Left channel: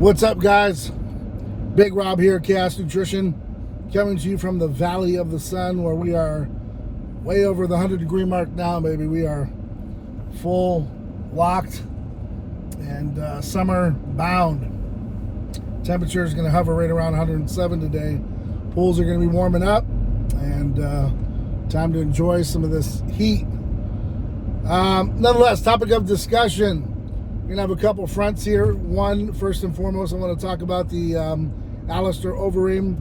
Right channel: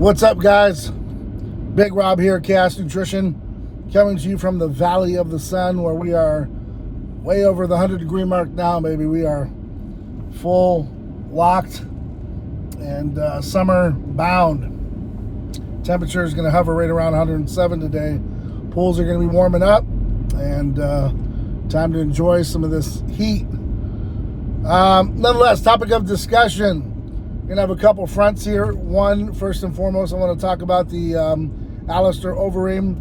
What's up, guys? Big Rob here, Chaos Nutrition, coming to you from the Valley of the Sun, where we are way over the 100-degree mark now, baby. We are full locked and summer bound. Temperature is going to hover right around 107 today. Pools are going to be warming up, and time to enjoy some of this heat. Nonetheless, topic of discussion. We're going to have a couple fronts here. One, first and foremost, I want to talk about the Alistair Overeem,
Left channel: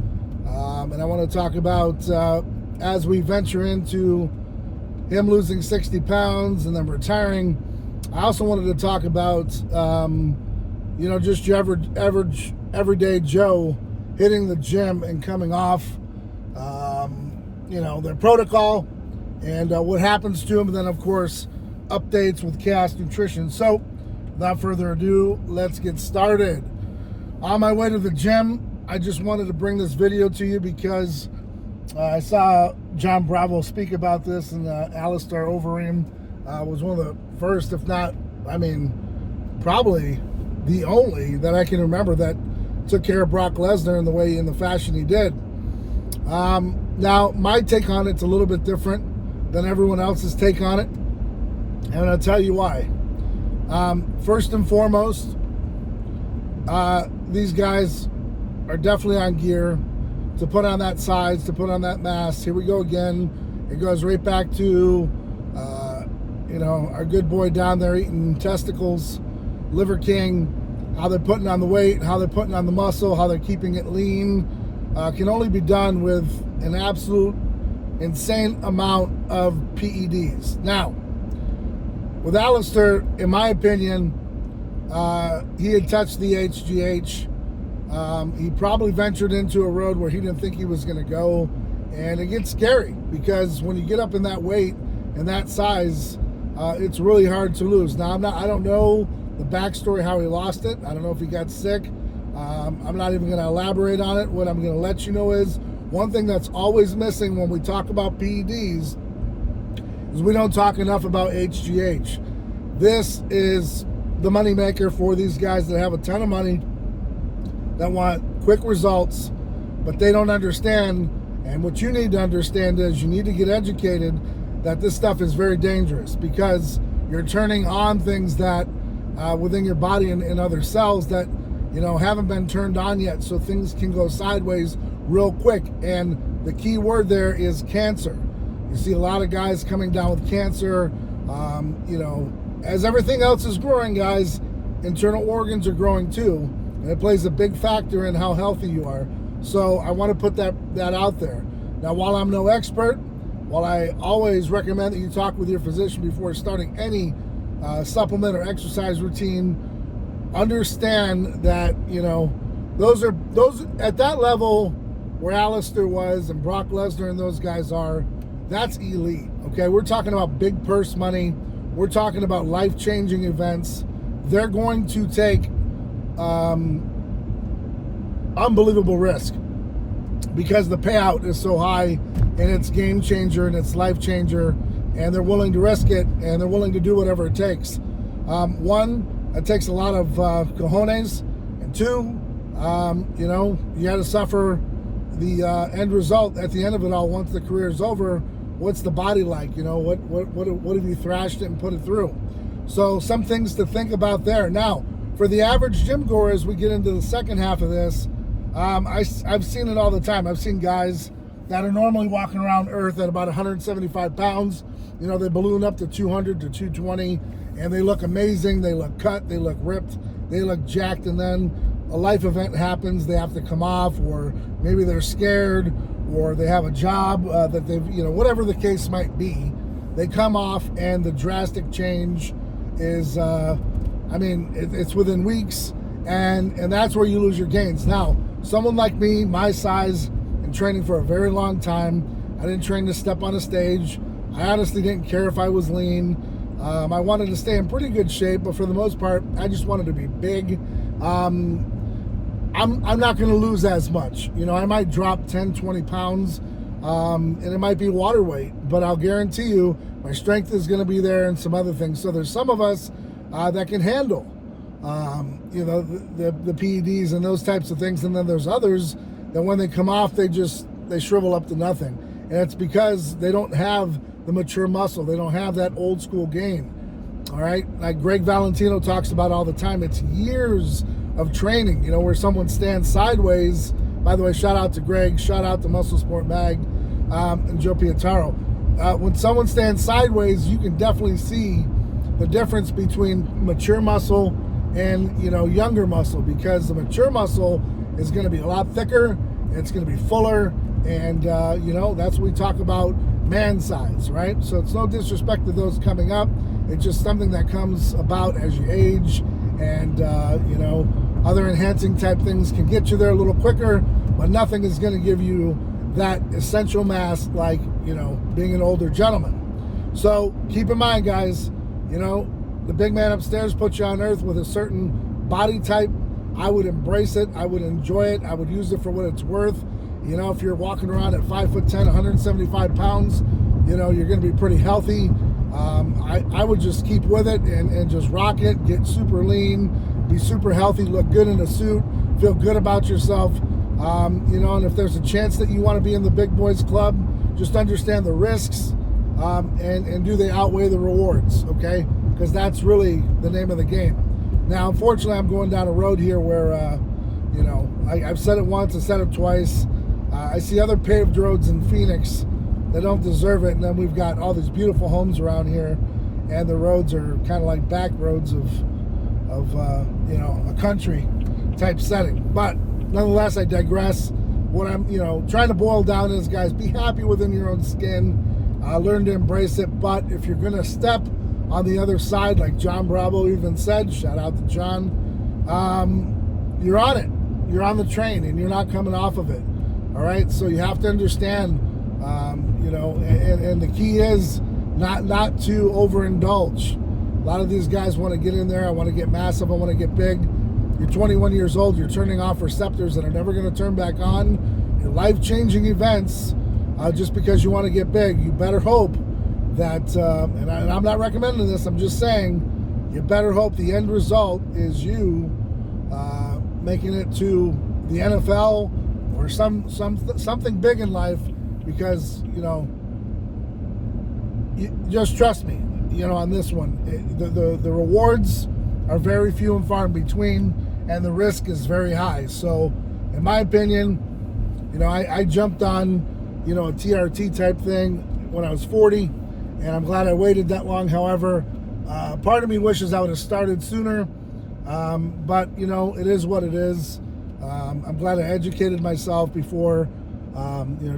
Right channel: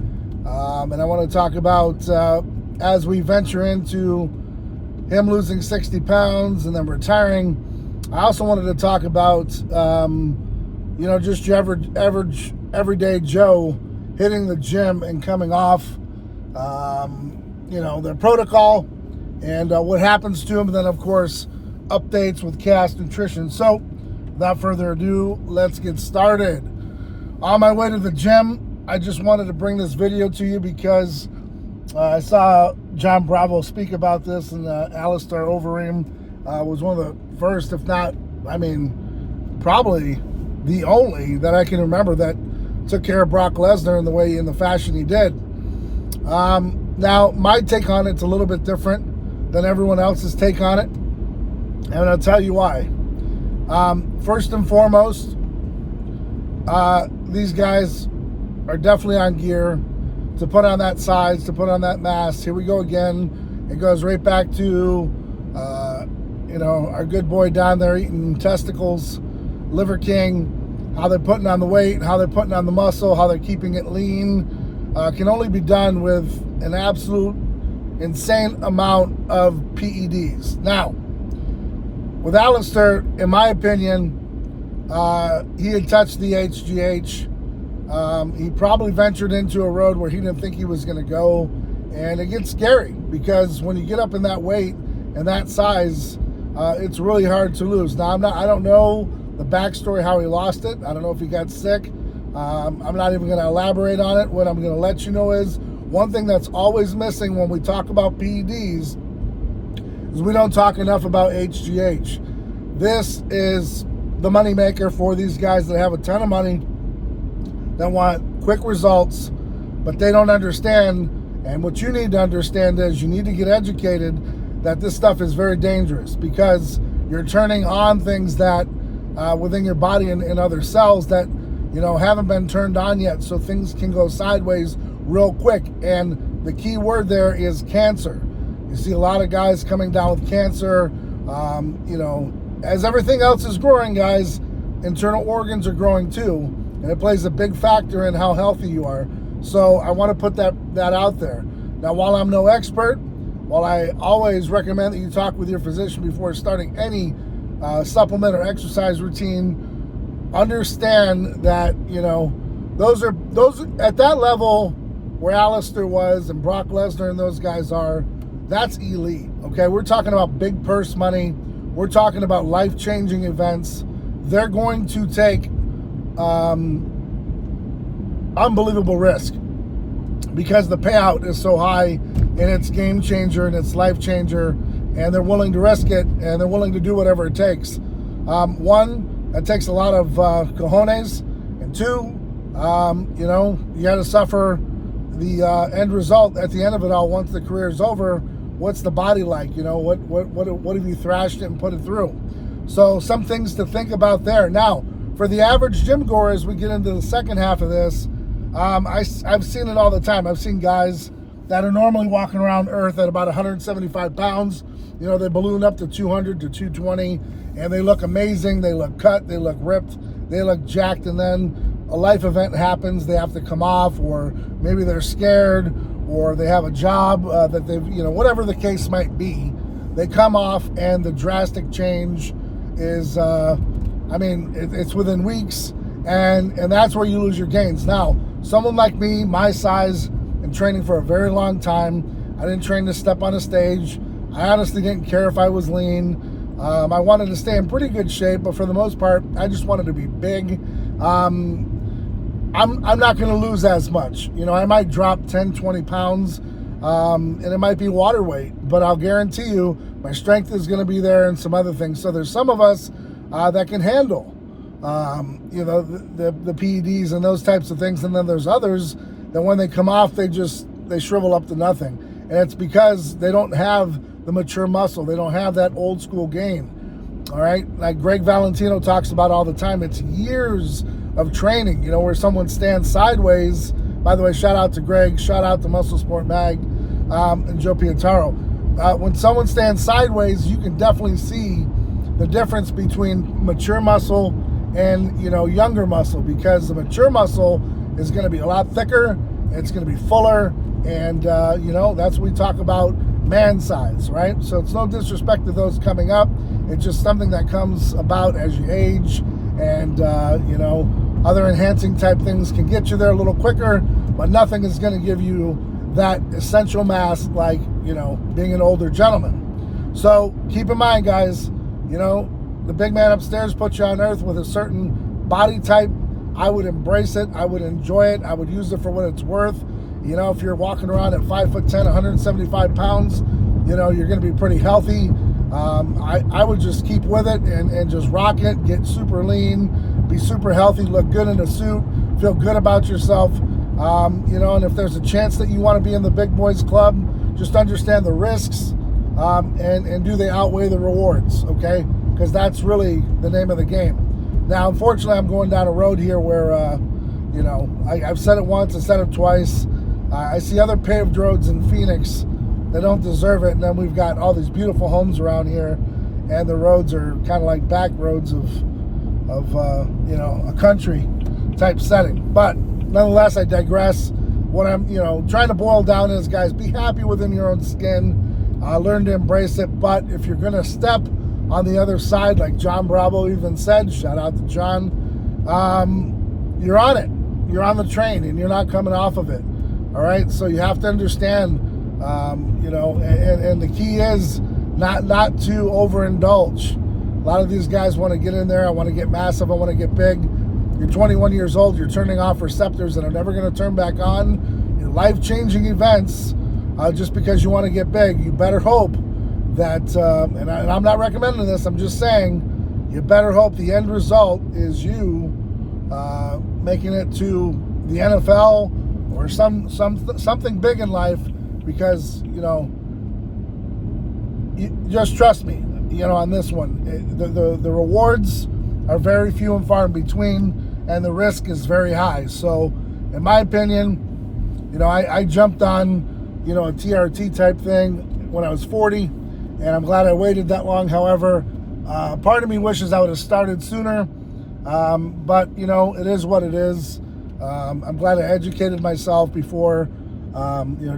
and I want to talk about as we venture into him losing 60 pounds and then retiring. I also wanted to talk about just your average everyday Joe hitting the gym and coming off their protocol and what happens to them, and then of course updates with Chaos Nutrition. So without further ado, let's get started. On my way to the gym, I just wanted to bring this video to you because I saw John Bravo speak about this, and Alistair Overeem was one of the first, if not, probably the only that I can remember that took care of Brock Lesnar in the fashion he did. Now, my take on it's a little bit different than everyone else's take on it, and I'll tell you why. First and foremost, these guys are definitely on gear to put on that size, to put on that mass. Here we go again. It goes right back to, our good boy down there eating testicles, Liver King, how they're putting on the weight, how they're putting on the muscle, how they're keeping it lean. Can only be done with an absolute insane amount of PEDs. Now, with Alistair, in my opinion, he had touched the HGH. He probably ventured into a road where he didn't think he was going to go, and it gets scary because when you get up in that weight and that size, it's really hard to lose. Now, I don't know the backstory how he lost it. I don't know if he got sick. I'm not even going to elaborate on it. What I'm going to let you know is one thing that's always missing when we talk about PEDs is we don't talk enough about HGH. This is the money maker for these guys that have a ton of money, that want quick results, but they don't understand. And what you need to understand is you need to get educated that this stuff is very dangerous, because you're turning on things that within your body and other cells that haven't been turned on yet, so things can go sideways real quick. And the key word there is cancer. You see a lot of guys coming down with cancer. As everything else is growing, guys, internal organs are growing too, and it plays a big factor in how healthy you are. So I want to put that out there. Now, while I'm no expert, while I always recommend that you talk with your physician before starting any supplement or exercise routine, understand that those at that level where Alistair was and Brock Lesnar and those guys are, that's elite. Okay, we're talking about big purse money. We're talking about life-changing events. They're going to take unbelievable risk because the payout is so high, and it's game changer and it's life changer, and they're willing to risk it, and they're willing to do whatever it takes. One, it takes a lot of cojones, and two, you got to suffer the end result at the end of it all. Once the career is over, what's the body like? What have you thrashed it and put it through? So some things to think about there. Now, for the average gym goer, as we get into the second half of this, I've seen it all the time. I've seen guys that are normally walking around Earth at about 175 pounds. They balloon up to 200 to 220, and they look amazing. They look cut. They look ripped. They look jacked, and then a life event happens. They have to come off, or maybe they're scared, or they have a job that they've, whatever the case might be. They come off, and the drastic change is, it's within weeks, and that's where you lose your gains. Now, someone like me, my size, and training for a very long time, I didn't train to step on a stage. I honestly didn't care if I was lean. I wanted to stay in pretty good shape, but for the most part, I just wanted to be big. I'm not going to lose as much. I might drop 10, 20 pounds, and it might be water weight, but I'll guarantee you my strength is going to be there and some other things. So there's some of us that can handle the PEDs and those types of things. And then there's others that when they come off, they shrivel up to nothing. And it's because they don't have the mature muscle. They don't have that old school gain. All right. Like Greg Valentino talks about all the time. It's years of training, where someone stands sideways. By the way, shout out to Greg, shout out to Muscle Sport Mag, and Joe Pietaro. When someone stands sideways, you can definitely see the difference between mature muscle and, younger muscle, because the mature muscle is going to be a lot thicker, it's going to be fuller, and, that's what we talk about, man size, right? So it's no disrespect to those coming up. It's just something that comes about as you age, and, other enhancing type things can get you there a little quicker, but nothing is going to give you that essential mass like, being an older gentleman. So keep in mind, guys, the big man upstairs put you on earth with a certain body type. I would embrace it. I would enjoy it. I would use it for what it's worth. If you're walking around at 5'10", 175 pounds, you're going to be pretty healthy. I would just keep with it and just rock it, get super lean, be super healthy, look good in a suit, feel good about yourself. And if there's a chance that you want to be in the big boys club, just understand the risks, and do they outweigh the rewards, okay? Because that's really the name of the game. Now, unfortunately, I'm going down a road here where, I've said it once, I said it twice. I see other paved roads in Phoenix that don't deserve it, and then we've got all these beautiful homes around here, and the roads are kind of like back roads of a country type setting. But nonetheless, I digress. What I'm, trying to boil down is, guys, be happy within your own skin. Learn to embrace it. But if you're going to step on the other side, like John Bravo even said, shout out to John, you're on it. You're on the train, and you're not coming off of it. All right? So you have to understand, and the key is not to overindulge. A lot of these guys want to get in there. I want to get massive. I want to get big. You're 21 years old. You're turning off receptors that are never going to turn back on. Your life-changing events, just because you want to get big. You better hope that, and I'm not recommending this, I'm just saying, you better hope the end result is you making it to the NFL or something big in life, because, just trust me, on this one, the rewards are very few and far in between, and the risk is very high. So, in my opinion, I jumped on, a TRT type thing when I was 40, and I'm glad I waited that long. However, part of me wishes I would have started sooner, but, it is what it is. I'm glad I educated myself before,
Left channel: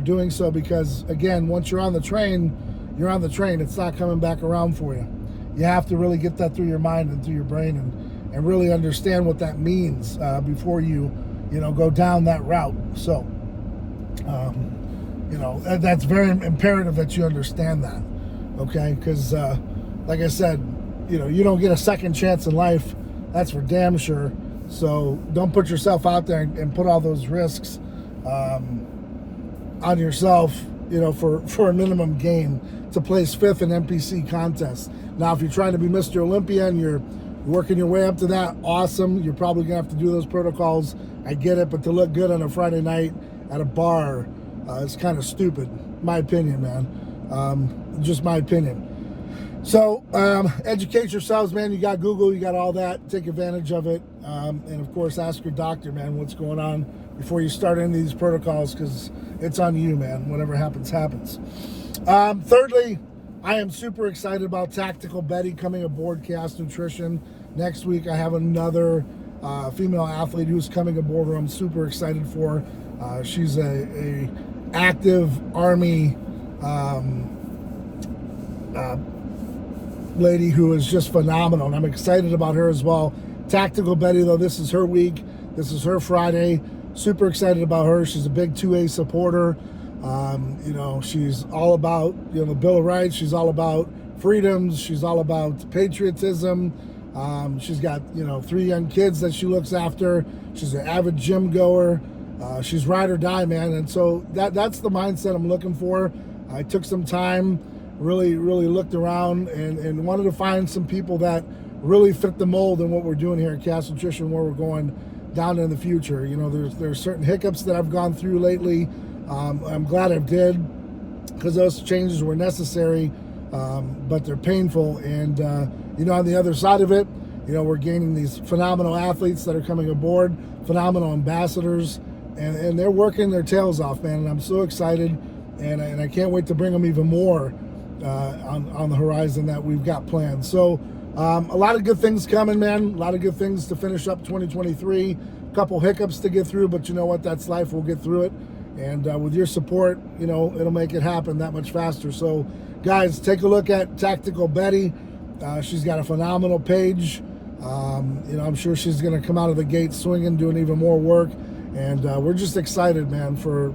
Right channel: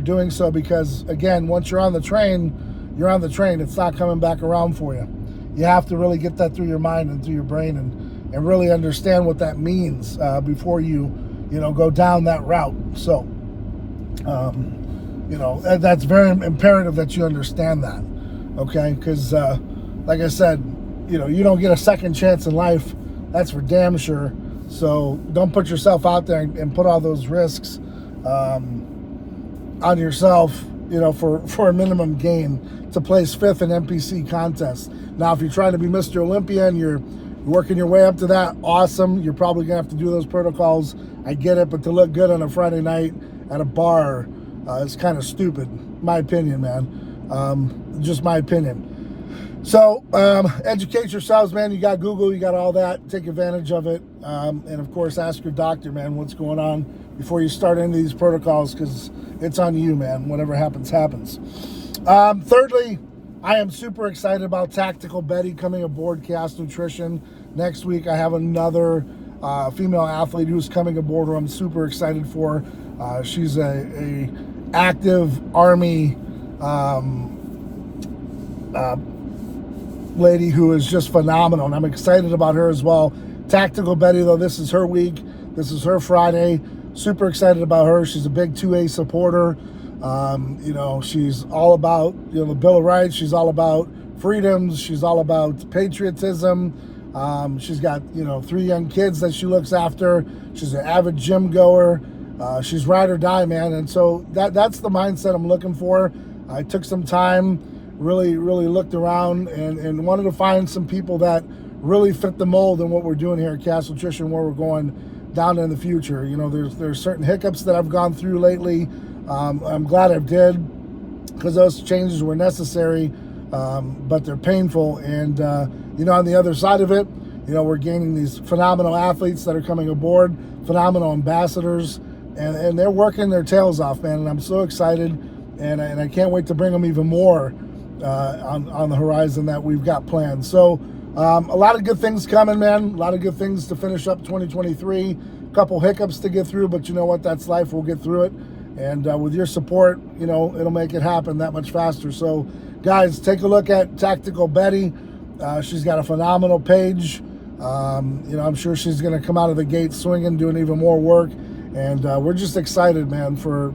doing so, because, again, once you're on the train, you're on the train. It's not coming back around for you. You have to really get that through your mind and through your brain, and really understand what that means before you go down that route. So, that's very imperative that you understand that, okay? Because, like I said, you don't get a second chance in life. That's for damn sure. So don't put yourself out there and put all those risks on yourself, for a minimum gain to place 5th in NPC contests. Now, if you're trying to be Mr. Olympia and you're working your way up to that, awesome. You're probably gonna have to do those protocols. I get it, but to look good on a Friday night at a bar is kind of stupid, my opinion, man. Just my opinion. So educate yourselves, man. You got Google, you got all that. Take advantage of it, and of course, ask your doctor, man, what's going on before you start any of these protocols, because it's on you, man. Whatever happens, happens. Thirdly, I am super excited about Tactical Betty coming aboard Chaos Nutrition. Next week, I have another female athlete who's coming aboard who I'm super excited for. She's a active Army lady who is just phenomenal, and I'm excited about her as well. Tactical Betty, though, this is her week. This is her Friday. Super excited about her. She's a big 2A supporter. She's all about, the Bill of Rights. She's all about freedoms. She's all about patriotism. She's got, 3 young kids that she looks after. She's an avid gym goer. She's ride or die, man. And so that's the mindset I'm looking for. I took some time, really looked around and wanted to find some people that really fit the mold in what we're doing here at Cast Nutrition, where we're going down in the future. You know, there's certain hiccups that I've gone through lately. I'm glad I did, because those changes were necessary, but they're painful. And you know, on the other side of it, you know, we're gaining these phenomenal athletes that are coming aboard, phenomenal ambassadors, and they're working their tails off, man. And I'm so excited, and I can't wait to bring them even more on the horizon that we've got planned. So a lot of good things coming, man. A lot of good things to finish up 2023. A couple hiccups to get through, but you know what? That's life. We'll get through it. And with your support, you know, it'll make it happen that much faster. So, guys, take a look at Tactical Betty. She's got a phenomenal page. You know, I'm sure she's going to come out of the gate swinging, doing even more work. And we're just excited, man, for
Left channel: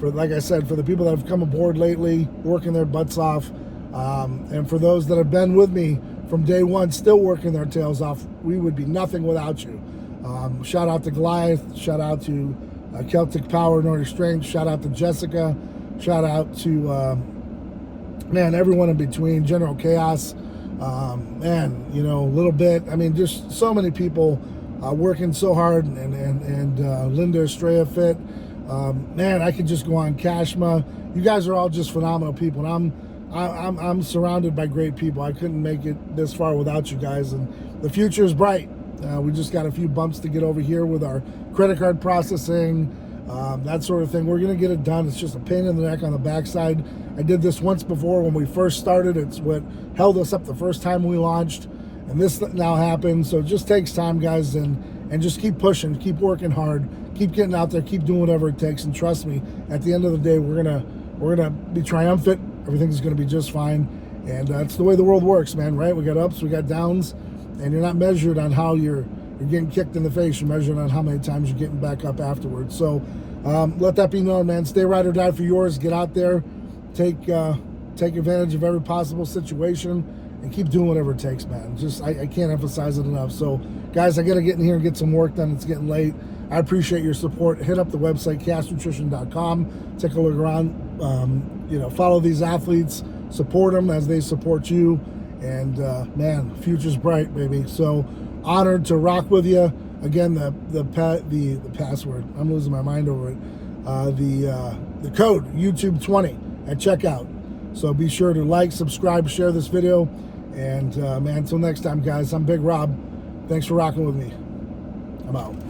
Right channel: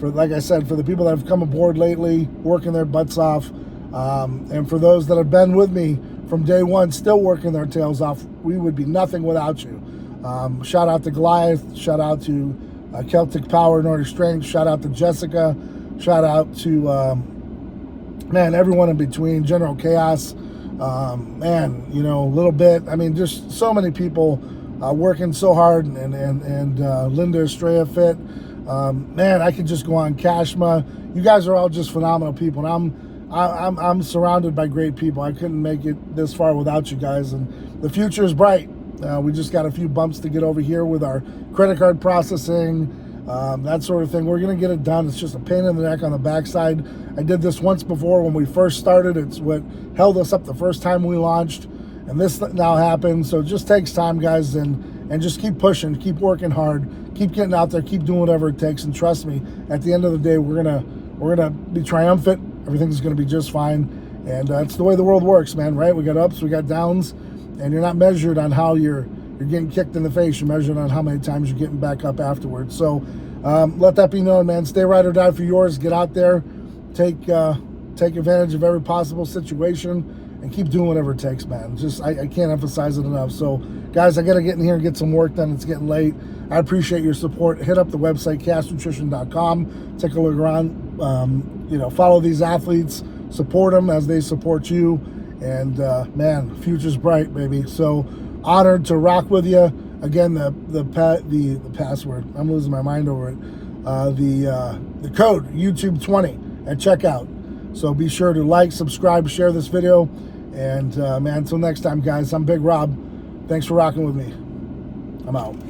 like I said, for the people that have come aboard lately, working their butts off. And for those that have been with me from day one, still working their tails off. We would be nothing without you. Shout out to Goliath. Shout out to Celtic Power, Nordic Strength. Shout out to Jessica. Shout out to, man, everyone in between. General Chaos. Man, you know, a little bit. I mean, just so many people working so hard. And Linda Estrella Fit. Man, I could just go on. Kashma. You guys are all just phenomenal people. And I'm surrounded by great people. I couldn't make it this far without you guys. And the future is bright. We just got a few bumps to get over here with our credit card processing, that sort of thing. We're going to get it done. It's just a pain in the neck on the backside. I did this once before when we first started. It's what held us up the first time we launched. And this now happened. So it just takes time, guys. And just keep pushing, keep working hard, keep getting out there, keep doing whatever it takes. And trust me, at the end of the day, we're gonna be triumphant. Everything's going to be just fine. And that's the way the world works, man, right? We got ups, we got downs. And you're not measured on how you're getting kicked in the face. You're measured on how many times you're getting back up afterwards. So let that be known, man. Stay ride or die for yours. Get out there. Take advantage of every possible situation and keep doing whatever it takes, man. Just I can't emphasize it enough. So, guys, I got to get in here and get some work done. It's getting late. I appreciate your support. Hit up the website, castnutrition.com. Take a look around. You know, follow these athletes. Support them as they support you. And man, future's bright, baby. So honored to rock with you. Again, the password. I'm losing my mind over it. The code YouTube20 at checkout. So be sure to like, subscribe, share this video. And man, until next time, guys. I'm Big Rob. Thanks for rocking with me. I'm out.